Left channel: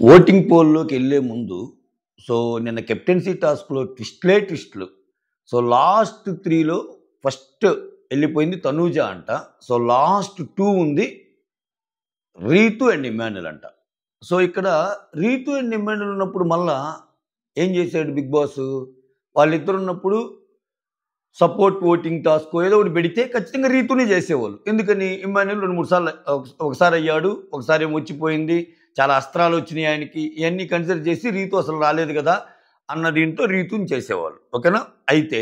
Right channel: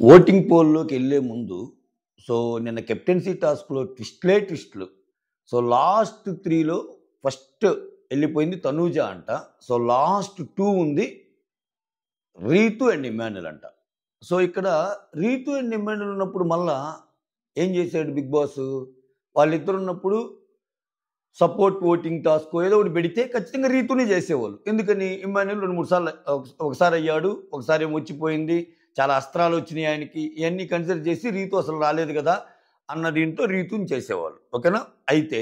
Voting పోల్‌లోకి ఎళ్ళే ముందు so, నిన్న captaincy టాస్క్‌లో ట్విస్టులు. సో, లాస్ట్ 3లో ఫస్ట్ ఎళ్ళిపోయింది తనూజ అంట. సో, లాస్ట్ 2 ఉంది రీతు అండ్ ఇమ్మాన్యుల్ అంట. సో, ఇక్కడ రీతు అండ్ ఇమ్మాన్యుల్ ఉన్నప్పుడు మళ్ళా ఏం చేసాడు బిగ్ బాస్ వాళ్ళిద్దరున్నప్పుడు సపోర్ట్ ఓటింగ్ టాస్కో ఏదో ఒకటి పెడితే ఖచ్చితంగా రీతునే చేసేవాళ్ళు. ఎందుకని ఇమ్మాన్యుల్ 2, 3 సార్లు ఒకసారి అయ్యాడు. ఒకసారి ఏమో వచ్చిపోయింది. చాలా అస్త్రాలు వచ్చినాయి ఆయనకి. ఇయన్నీ కన్సిడర్ చేసి రీతు అసలు రాలేదు కదా! అన్న దీంతో రీతుని చేసేవాళ్ళు. ఓకేనా? అయితే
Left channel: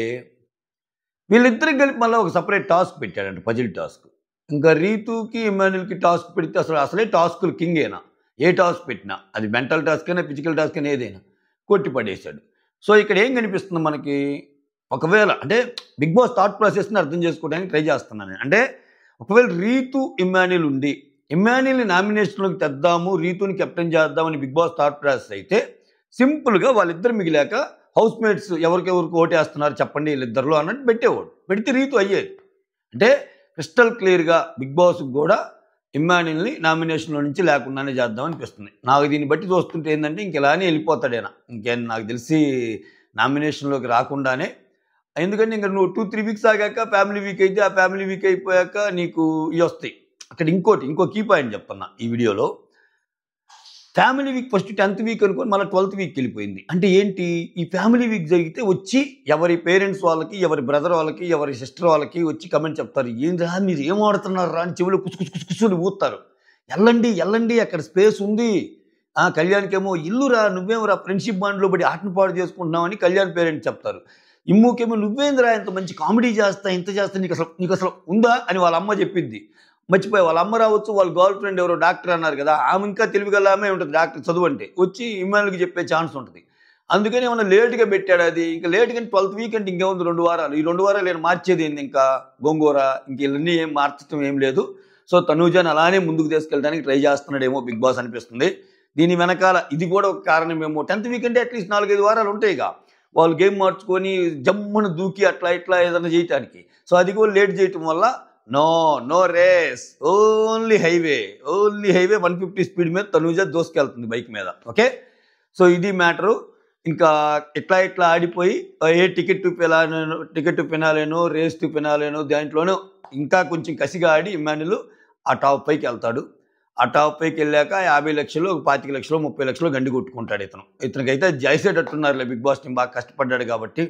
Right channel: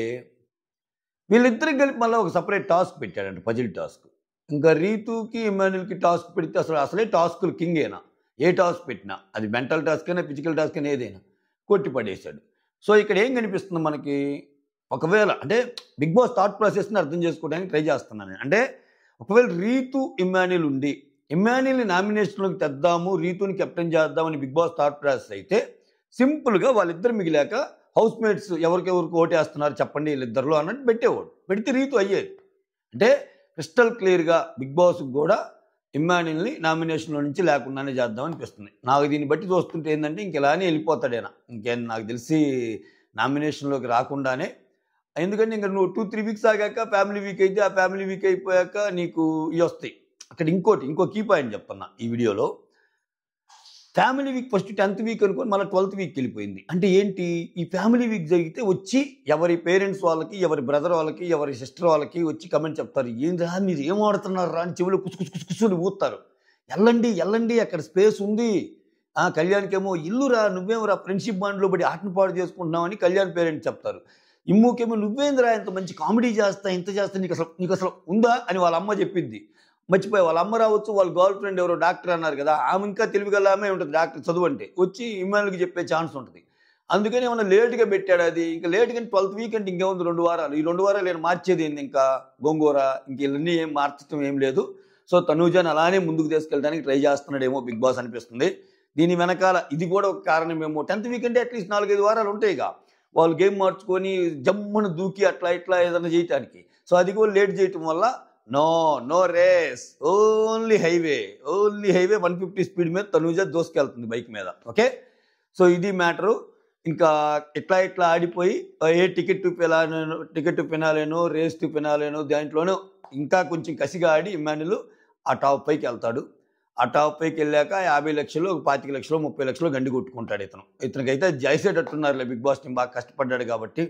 వీళ్ళిద్దరికి కలిపి మళ్ళా ఒక సెపరేట్ టాస్క్ పెట్టాడంట పజిల్ టాస్క్. ఇంకా రీతుకి, ఇమ్మాన్యుల్‌కి టాస్క్ పెడితే అసలే టాస్క్‌లు కింగ్ ఈయన. ఏ టాస్క్ పెట్టినా అది మెంటల్ టాస్క్ అయినా, ఫిజికల్ టాస్క్ అయినా ఏదైనా కొట్టి పడేశాడు. సో, ఇక్కడ ఏం కనిపిస్తుంది మనకి? ఒకవేళ అంటే బిగ్ బాస్ థాట్ ప్రాసెస్‌ని అర్థం చేసుకోవడానికి ట్రై చేస్తున్నాను నేను. అంటే ఒకవేళ రీతు, ఇమ్మాన్యుల్ ఉండి ఇమ్మాన్యుల్‌ని నామినేషన్‌లోకి తెద్దాము, రీతుని కెప్టెన్ చేద్దామని బిగ్ బాస్ థాట్ ప్రాసెస్ అయితే సింపుల్‌గా వాళ్ళిద్దరు మిగిలాక హౌస్ మేట్స్ ఎవరికెవరికి ఓటేస్తున్నారు చెప్పండి వీళ్ళిద్దరిలో అన్నట్టు పెట్టేవాడు. పెడితే రీతు అయ్యేది. అంటే క్రిస్టల్ క్లియర్‌గా బిగ్ బాస్‌కి గూడా ఇమ్మాన్యుల్‌ని నామినేషన్‌లో నుంచి లేకుండానే చేద్దాం అనిపిస్తుంది. నాకు దీన్ని బట్టి చూస్తుంటే ఏందంటే ఇంక ఇలానే ఎళ్ళిపోతాడీయన. ఇంకేం నాకు తెలిసి నామినేషన్‌లోకి రాకుండానే ఎందుకంటే ఇంక నువ్వు 2, 3 వీక్స్ ఆగాక ఫ్యామిలీ వీక్ అయితే, ఆ ఫ్యామిలీ వీక్ అయిపోయాక నీకు ఇయొస్తాయి. అక్కడ ఇంకో కీ పాయింట్ చెప్తున్నా ఈ వీడియోలో. ఫ్యామిలీ వీక్ ఫస్ట్ 10థ్ వీక్ అనుకోని మళ్ళీ 12థ్ వీక్‌కి వెళ్ళిపోయింది. అంటే ఏంటి? ఈ ఫ్యామిలీ వీక్ జరిగితే వచ్చి ఎవరి పేరెంట్స్ వాళ్ళకి, ఎవరి బ్రదర్ వాళ్ళకి, ఎవరి సిస్టర్ వాళ్ళకి వచ్చి కామెంట్ చెప్తారు. "ఏందిరా మీరు ఏం ఆడుతున్నారురా" అని చెవిలో కుసు ఊదుతారు. "ఎళ్ళండి అక్కడ స్పేస్ ఉంది." కళ్యాణ్‌కేమో "ఇల్లురా నువ్వేమోరా ఫ్రెండ్‌షిప్ బాండ్‌లో పడి ఆటను పాడు చేసుకుంటున్నావు" అని కళ్యాణ్ పేరెంట్స్ చెప్తారు. ఇమ్ముకేమో "నువ్వేందిరా ఇంత మంచి కామెడీ చేస్తా, ఇంత చేస్తా నీకసలు ఉందా?" అని వాళ్ళ అమ్మ చెప్పిద్ది. మర్చిపోయా వాళ్ళ అమ్మ రావచ్చు, వాళ్ళ గర్ల్ ఫ్రెండ్ ఎవరో డాక్టర్ అన్నారు కదా! ఆమె ఇంకా తెలివిగల ఆమె ఉంటది డాక్టర్ చదువంటే. వచ్చి ఇమ్మాన్యుల్‌కి చెప్పే ఛాన్స్ ఉంటది. అందుకని ఏమన్నా లేట్‌గా పెట్టాడా అది? ఇంక లేట్‌గా 12థ్ వీక్ అంటే ఇంకేముంది 2 వారాలు. ఈ 2 వారాలు ఈయన మార్చేదేంది ఇంకా? గోంగూర ఇంక ఈళ్ళన్నీ ఏం మార్చటం ఏం లేదు. సో, తనూజని అలానే ముందుకు తీసుకెళ్ళడానికి ట్రై చేస్తున్నాడేమో బిగ్ బాస్ అనిపిస్తుంది. దీని వెనకాల ఇది కూడా ఒక కారణమేమో. 10థ్ వీక్ అంటే అట్‌లీస్ట్ 4, 5 వారాలు ఉంటాయిగా. వాళ్ళు గేమ్ మార్చుకొని జమ్మున దూకి అట్లా ఇట్లా ఏదన్నా చేయటానికి. సో, అది కూడా లేట్ చేయటం వల్ల no race. Only highway. 150 speed మీద తనూజ దూసుకెళ్తుంది బైక్ మీద. ఓకే. సో, ఇది మ్యాటరు. ఇంకా ఇట్లా ఆడిపోయి ఏ టికెట్ టు ఫినాలేనో, రేస్ టు ఫినాలేనో దాంట్లోనో ఇంకా కొంచెం కసిగా ఆడి ఇమ్మాన్యుల్ ఆ టాప్ పైకెళ్తాడు. ఆ టాప్ పైకెళ్ళాక 50,00,000, 25,00,000, 30,00,000 గండి కొట్టుకుంటాడు ఇతను. ఇతనికైతే జైసేటట్టున్నారులే బిగ్ బాస్ టీమ్ బాగా కష్టపడ్డాడు కాబట్టి.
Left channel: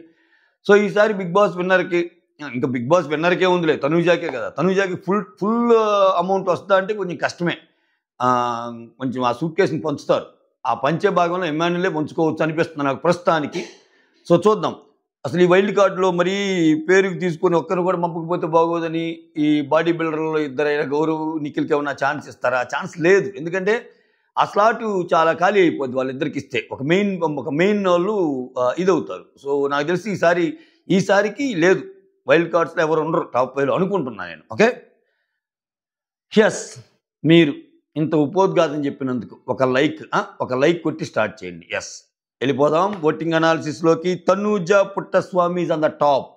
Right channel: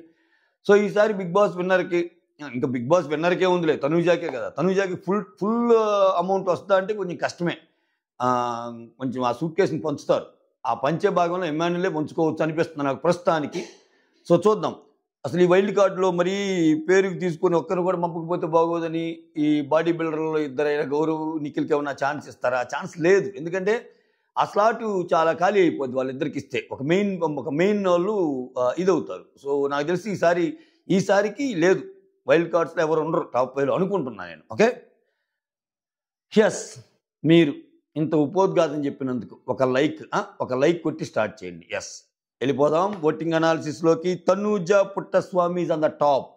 సో, ఈసారి బిగ్ బాస్ విన్నర్‌కి ఇంకా బిగ్ బాస్ విన్నర్‌కే ఉందిలే. తనూజాకే కదా! తనూజాకి ఫుల్ అమౌంట్ వస్తదా అంటే కొంచెం కష్టమే. కొంచెం ఆ సూట్‌కేస్‌ని పంచుతారు. ఆ పంచే భాగంలో ఇమ్మాన్యులే పంచుకోవచ్చు అనిపిస్తుంది నాకు ప్రస్తుతానికి. సో, చూద్దాం. అసలు ఈ వైల్డ్ కార్డ్‌లో మరీ పేరుకి తీసుకొని ఒక్కరిని కూడా పంపకపోతే బాగోదని ఈ బాడీ బిల్డర్‌లో ఇద్దరైన గౌరవ్, నిఖిల్‌కి ఏమన్నా ఛాన్స్ ఇస్తారా? ఛాన్స్ లేదు. ఎందుకంటే ఆ స్లాటు చాలా ఖాళీ అయిపోద్ది వాళ్ళిద్దరికిస్తే. ఒక మెయిన్ వోళ్ళు ఇదవుతారు. సో, నాకు తెలిసి ఈసారికి లేదు. వైల్డ్ కార్డ్స్‌లో ఎవరు ఉండరు టాప్ 5లో అనుకుంటున్నా నేను. ఓకే. యెస్. మీరు ఇంత ఉపోద్ఘాతం చెప్పినందుకు ఒక లైక్ కొట్టి స్టార్ట్ చేయండి. యెస్. వెళ్ళిపోదాం ఓటింగ్ అనాలిసిస్‌లోకి. Tanuja Puttaswamy is on the top.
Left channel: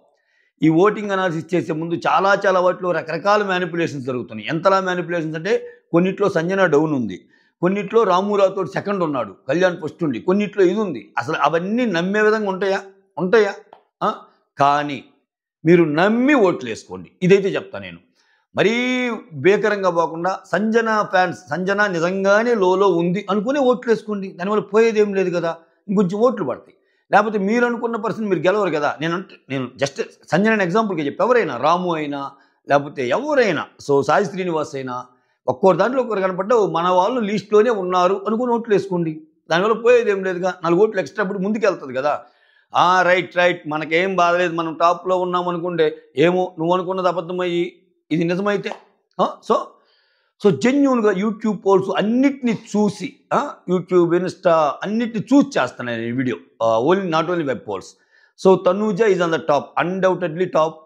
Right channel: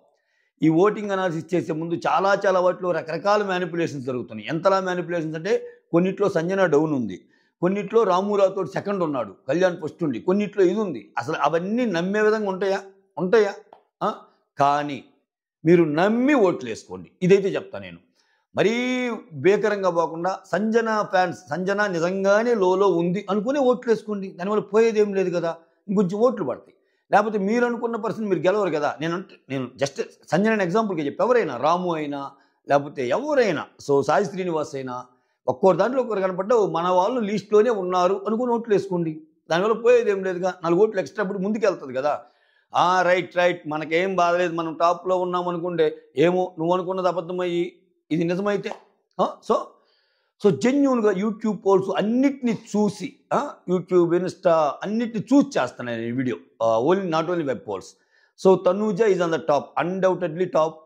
ఈ ఓటింగ్ అనాలిసిస్ చేసే ముందు చాలా వాటిలో రకరకాల మ్యానిప్యులేషన్స్ జరుగుతున్నాయి. ఎంతలా మ్యానిప్యులేషన్స్ అంటే కొన్నిట్లో సంజన డౌన్ ఉంది. కొన్నిట్లో రాము రాథోడ్ సెకండ్ ఉన్నాడు. కళ్యాణ్ ఫస్ట్ ఉంది. కొన్నిట్లో ఇది ఉంది. అసలు అవన్నీ నమ్మే విధంగా ఉంటాయా? ఆ! కానీ మీరు నమ్మి ఓట్లేసుకోండి. ఇదైతే చెప్తా నేను. మరీ భీకరంగా పోకుండా సంజన నిజంగానే లోలో ఉంది అనుకుని ఓట్లేసుకోండి. దానివల్ల పోయేదేం లేదు కదా! ఇంకొంచెం ఓట్లు పడతాయి. లేకపోతే మీరు అనుకున్న పర్సన్ మీరు గెలవరు కదా! నేను జస్ట్ సంజనని ఎగ్జాంపుల్‌గా చెప్పా. ఎవరైనా రాము అయినా, లేకపోతే ఎవరైనా సాయి శ్రీనివాస్ అయినా ఒక్కోరి దాంట్లో ఒకరు కనపడ్డా మన వాళ్ళు లిస్ట్‌లోనే ఉన్నారు అనుకుని ఓట్లేసుకోండి. దానివల్ల పోయేదేం లేదుగా. 4 ఓట్లు ఎక్స్‌ట్రా పడి ముందుకెళ్తది కదా! రైట్. మనకేం బాధలేదు. మనం టాప్‌లో ఉన్నామనుకుంటే, ఏమో నువ్వనుకున్నది అబద్ధమయ్యి, ఇది నిజమైతే ఆ! సో, జెన్యూన్‌గా యూట్యూబ్ పోల్స్ అన్నిటిని చూసి యూట్యూబ్, ఇన్‌స్టా అన్నిటిని చూసి చేస్తాను నేను ఈ video. Not only web polls. So, Tanuja is on the top. Undoubtedly top.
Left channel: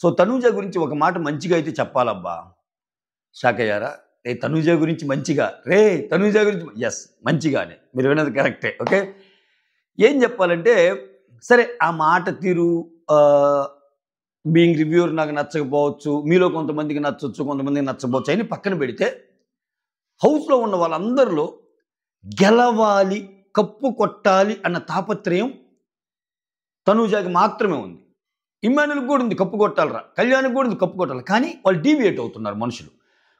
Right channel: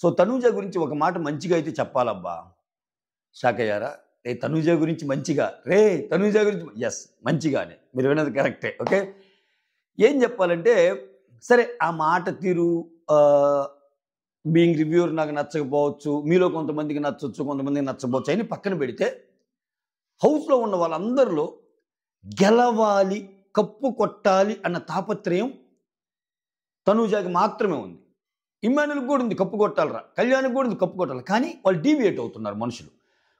So, Tanuja గురించి ఒక మాట మంచిగా అయితే చెప్పాలబ్బా! షాకయ్యారా? తనూజ గురించి మంచిగా తనూజ గురించి యెస్. మంచిగానే. మీరు విన్నది కరెక్టే. ఓకే. ఏం చెప్పాలంటే సరే ఆ మాట తీరు బీయింగ్ రివ్యూవర్ నాకు నచ్చకపోవచ్చు. మీలో కొంతమందికి నచ్చొచ్చు, కొంతమందికి నచ్చకపోవచ్చు అని పక్కన పెడితే హౌస్‌లో ఉన్న వాళ్ళందరిలో గెలవాలి, కప్పు కొట్టాలి అన్న తాపత్రయం తనూజాకి మాత్రమే ఉంది. ఇమ్మాన్యుల్కి కూడా ఉంది కప్పు కొట్టాలరా, కళ్యాణ్కి కూడా ఉంది కప్పు కొట్టాలి. కానీ వాళ్ళు డీవియేట్ అవుతున్నారు మనుషులు.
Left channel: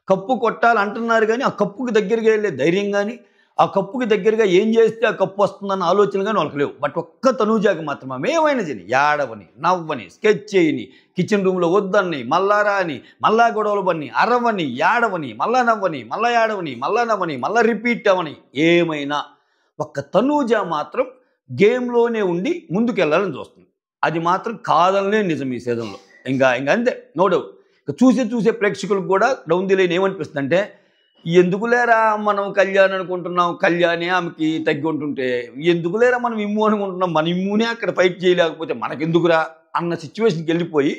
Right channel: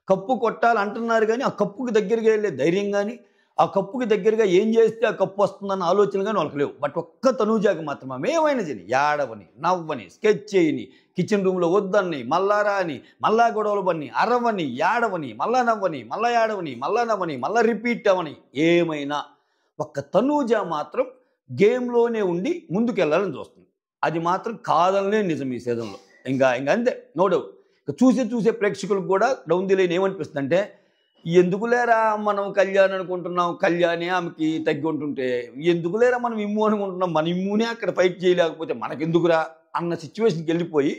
కప్పు కొట్టాలి అంటున్నారు కానీ ఆ కప్పుకి దగ్గరగా వెళ్ళే ధైర్యం కానీ, ఆ కప్పుకి దగ్గరగా ఏం చేస్తే ఆ కప్పు వస్తుందన్న ఆలోచన కానీ వాళ్ళకి లేవు. బట్ ఒక్క తనూజాకి మాత్రం ఆమె ఏమైనా చేయని, ఏడవని, నవ్వని, స్కెచ్ చేయని, కిచెన్ రూమ్లో వద్దని, మళ్ళా రాని, మళ్ళా గొడవలు పని, అరవని, ఏడవని, మళ్ళా నవ్వని, మళ్ళా ఏడవని, మళ్ళా నవ్వని, మళ్ళా రిపీట్ అవని, ఏమైనా ఒక్క తనూజ మాత్రం గేమ్లోనే ఉండి ముందుకెళ్ళాలని చూస్తుంది. అది మాత్రం కాదనే నిజం ఈ సీజన్లో. ఇంకా అంతే, నో డౌట్. చూసే ప్రేక్షకులకు కూడా డౌన్ ది లైన్ ఏమనిపిస్తుంది అంటే, ఎందుకులేరా మనం కళ్యాణ్ అనుకుంటున్నాం, కళ్యాణే ఆమెకి తగ్గి ఉంటుంటే ఎందుకులేరా మనం ఇమ్ము అనుకుంటున్నాం, మన ఇమ్మునే అక్కడ ఫైట్ చేయలేకపోతే మనకెందుకురా అన్న సిచ్యువేషన్కి వెళ్ళిపోయి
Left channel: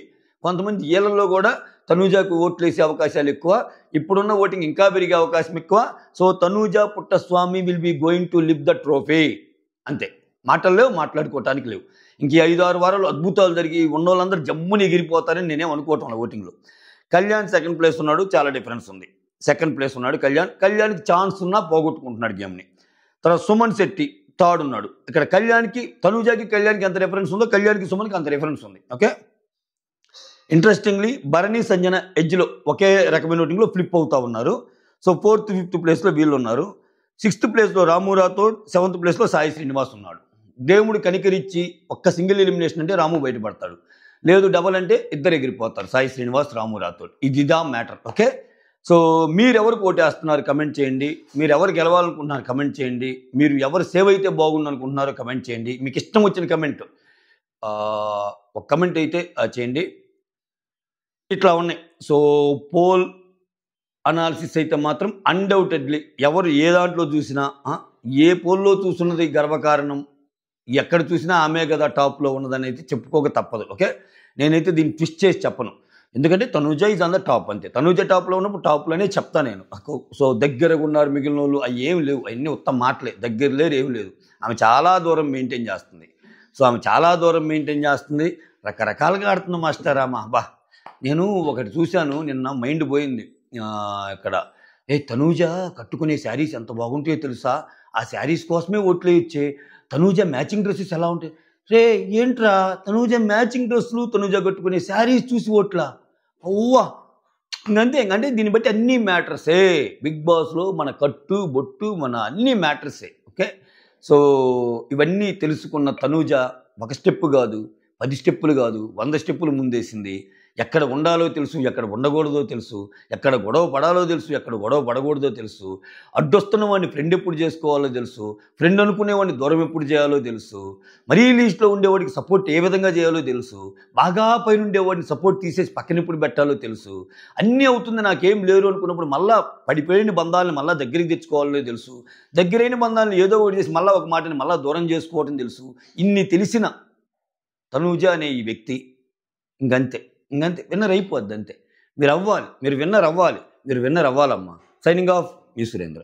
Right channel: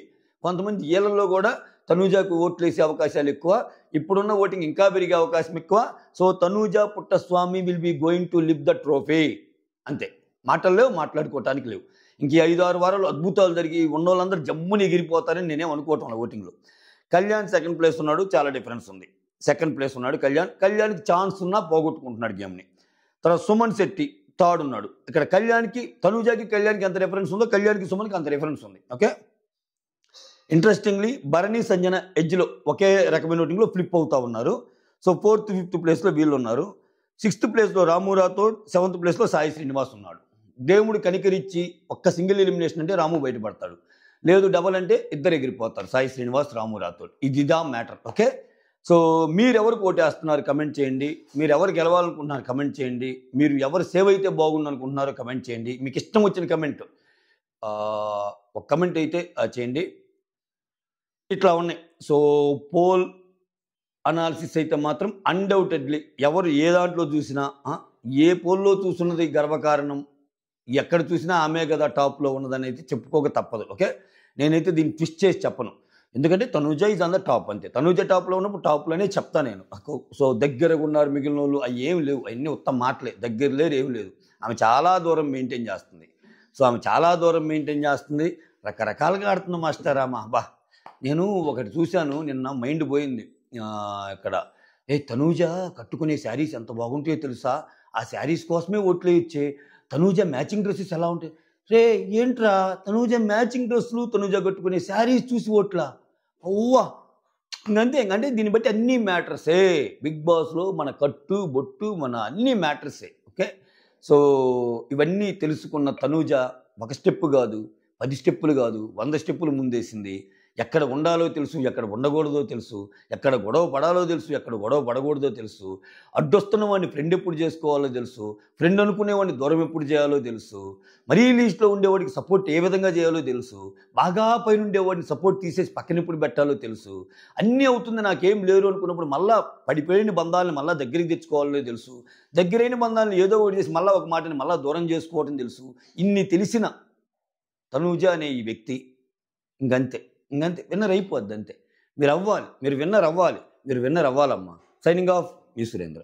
కొంతమంది ఏళ్లలో కూడా తనూజాకు ఓట్లు వేసే అవకాశాలు ఎక్కువ, ఇప్పుడున్న ఓటింగ్ ఇంకా పెరిగే అవకాశం ఎక్కువ. So Tanuja Puttaswamy will be going to live the trophy. అంతే, మాటలు లేవు, మాట్లాడుకోవటానికి లేవు. ఇంక 5-6 వారాలు అద్భుతాలు జరిగి ఉన్న వాళ్ళందరూ జమ్ముని ఎగిరిపోతారని నేనేం అనుకోవటం ఓటింగ్లో. కళ్యాణ్ సెకండ్ ప్లేస్ ఉన్నాడు, చాలా డిఫరెన్స్ ఉంది. సెకండ్ ప్లేస్ ఉన్నాడు కళ్యాణ్కి ఛాన్స్ ఉన్నా పోగొట్టుకుంటున్నాడు గేమ్ని. తర్వాత సుమన్ శెట్టి థర్డ్ ఉన్నాడు. ఇక్కడ తనూజాకి కళ్యాణ్కి ఎంత డిఫరెన్స్ ఉందో కళ్యాణ్కి సుమన్కి అంత డిఫరెన్స్ ఉంది. ఓకే, ఇంట్రెస్టింగ్లీ భరణి సంజన ఎడ్జ్లో ఒకే రకమైన ఓటింగ్లో ఫ్లిప్ అవుతా ఉన్నారు. సో 4th 5th ప్లేస్లో వీళ్ళు ఉన్నారు. 6th ప్లేస్లో రాము రాథోడ్, 7th ప్లేస్లో సాయి శ్రీనివాస్ ఉన్నాడు. దేవుడు కనికరించి ఒక్క సింగిల్ ఎలిమినేషన్ అంటే రాము బయటపడతాడు, లేదు డబల్ అంటే ఇద్దరు ఎగిరిపోతారు, సాయి శ్రీనివాస్, రాము రాథోడ్. ఇదిదా మ్యాటర్. ఓకే, సో మీరు ఎవరికి ఓటేస్తున్నారు కమెంట్ చేయండి, మీరు ఎవరు గెలవాలనుకుంటున్నారు కమెంట్ చేయండి, మీరు ఎవరు సేవ్ అయితే బాగుంది అనుకుంటున్నారో కమెంట్ చేయండి. మీకు ఇష్టం వచ్చిన కమెంట్ ఒక కమెంట్ అయితే చేయండి. ఇట్లా ఉన్నాయి. సో పోల్ అనాలిసిస్ అయితే మాత్రం అన్డౌటెడ్లీ ఎవరు ఏ దాంట్లో చూసినా, ఏ పోల్లో చూస్తున్నది గర్వకారణం, ఎక్కడ చూసినా ఆమె కదా టాప్లో ఉన్నదని అయితే చెప్పుకోక తప్పదు. ఓకే, నేనైతే దీన్ని ట్విస్ట్ చేసి చెప్పను, ఎందుకంటే Tanuja is on the top. అంతే, తనూజ టాప్లో ఉన్నప్పుడు టాప్లోనే చెప్తా నేను. సో దగ్గరగా ఉన్నారు మిగిలిన వాళ్ళు, అవి ఏమి లేవు, అవన్నీ ఉత్తమ మాటలే, దగ్గర లేరు, ఏమి లేదు. ఆమె చాలా దూరం మెయింటైన్ చేస్తుంది. సో ఆమె చాలా దూరం మెయింటైన్ చేస్తుంది, రకరకాలుగా ఆడుతుంది మాస్టర్ ఆమె. నేను ఒకటి చూశాను నిన్న, మైండ్ పోయింది. ఇక్కడ తనూజ కట్టుకునే శారీస్ ఎంత బాగుంటాయో తెలుసా, ఆ శారీస్ కోసమే ఓట్లు ఇచ్చే. తనూజ మ్యాచింగ్ డ్రెస్సెస్ ఎలా ఉంటాయి రే, ఏంట్రా తనూజ మ్యాచింగ్ డ్రెస్సులు, తనూజ కట్టుకునే శారీస్ చూసి ఓట్లా, అవ్వా. ఇంకంతే, ఇంకంటే దీన్ని బట్టి అన్ని మ్యాటర్సే. బిగ్ బాస్లో మన కట్టు బొట్టు మన అన్ని మ్యాటర్సే. ఓకే, సో ఇవన్నీ తెలుసుకున్న తనూజ ఒక స్టెప్ కాదు, 10 స్టెప్పులు కాదు, 100 స్టెప్పులు ముందేసింది. ఎక్కడ ఉండాలో తెలుసు, ఎక్కడ ఉండకూడదో తెలుసు, ఎక్కడ గొడవ పడాలో తెలుసు, ఎక్కడ గొడవ పడకూడదో తెలుసు, అడ్డొస్తున్న వాడిని ఫ్రెండ్ ఎప్పుడు చేసుకోవాలో తెలుసు, ఫ్రెండ్ అనుకునేవాడిని దూరం ఎప్పుడు చేయాలో తెలుసు, మరీ లీస్ట్లో ఉండేవాడికి సపోర్ట్ ఏ విధంగా చేయాలో తెలుసు, బాగా పైన ఉండేవాడిని సపోర్ట్ తీసేసి పక్కన ఎప్పుడు పెట్టాలో తెలుసు. అన్నీ అవుతుంది, నాకేం లేరు అనుకున్నప్పుడు మళ్ళీ పడిపోయిన బంధాలను మళ్ళీ దగ్గరికి తెచ్చుకోవాలో తెలుసు, దగ్గరైన బంధాలను ఏదో ఒకటి చేసి మళ్ళీ ఒక మాటని మళ్ళీ దూరం చేసుకోవడం తెలుసు. ఇన్ని తెలిసిన తనూజ అనే ఈ వ్యక్తి ఇంకంతే విన్నర్ అయిపోద్ది. అంతే, మీరు విన్నర్ అవ్వాలి, మీరు విన్నర్ అవ్వాలమ్మా. సైనింగ్ ఆఫ్, మీ సురేంద్ర.